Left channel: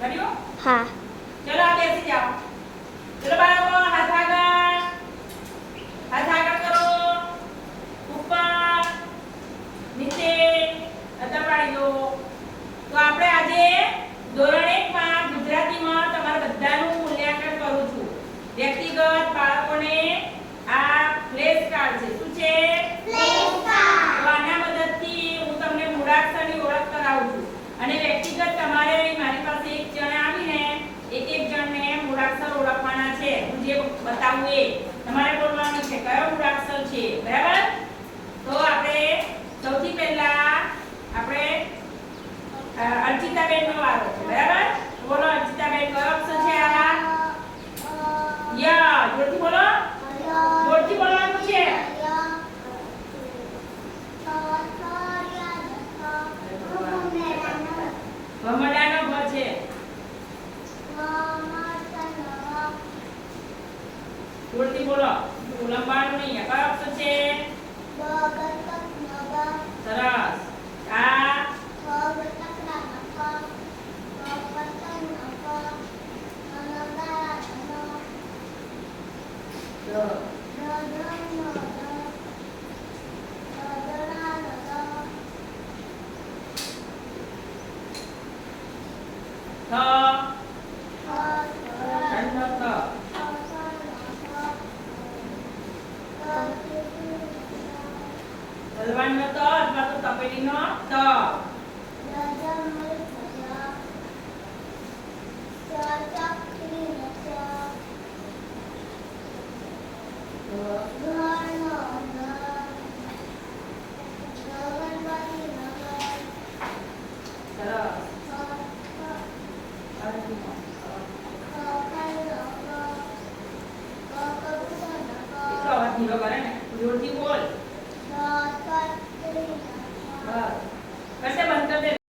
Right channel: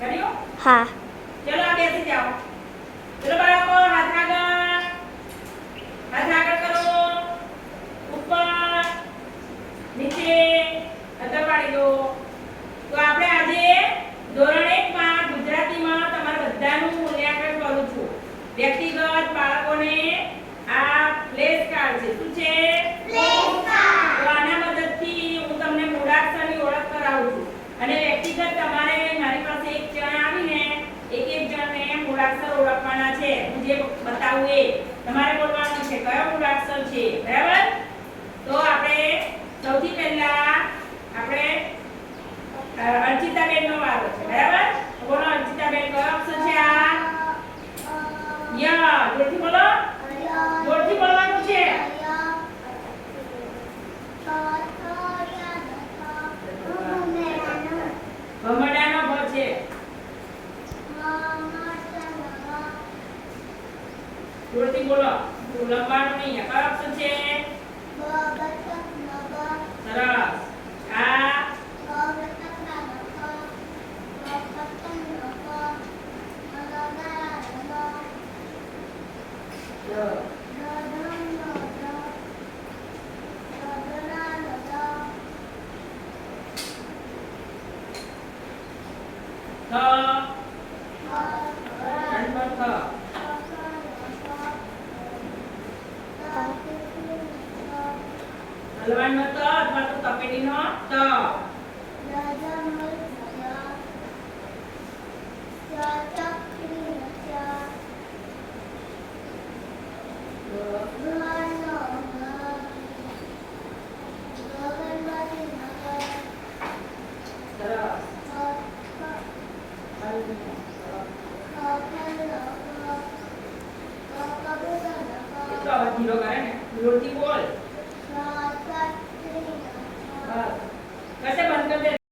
કર્યું? હા. ચલો આ બેસી જાઓ. ચલો બાળકો હાથ આગળ કરો. ઉપર નીચે અદા પાડી દો. તો આપણે આજે ધોરણ 1 માં ગુજરાતીમાં તમારા બધાનું મૂલ્યાંકન કરું છું. વ્યક્તિગત બાળકોને આ પ્લેસ કાર્ડ છે. શું છે? Place card. તો આના મદદથી હું તમને મૂળાક્ષરની ઓળખ કરાવું છું. અને વ્યક્તિગત તમારે મારી પાસે એક જણ આવીને એક જણને મૂળાક્ષર ઓળખવાના છે. હું જે બતાવું એ તમારે બોલવાનું છે કયો મૂળાક્ષર છે. બરાબર? તો આપણે સૌથી પહેલા આપણે અર્ચિતાબેનનો વારો છે. બરાબર? બોલો અર્ચિતાબેન કયો અક્ષર છે આ? ય. જોરથી બોલો. જોરથી બોલવાનું છે. ભમરડાનો ભ છે. જોરથી બોલો. લંબાણું નહીં. કયો અક્ષર છે? સરસ. આ હલવાણનો ત અથવા તો તપેલીનો ત. એટલો અવાજ ધીરો કરે ને. જોરથી બોલ.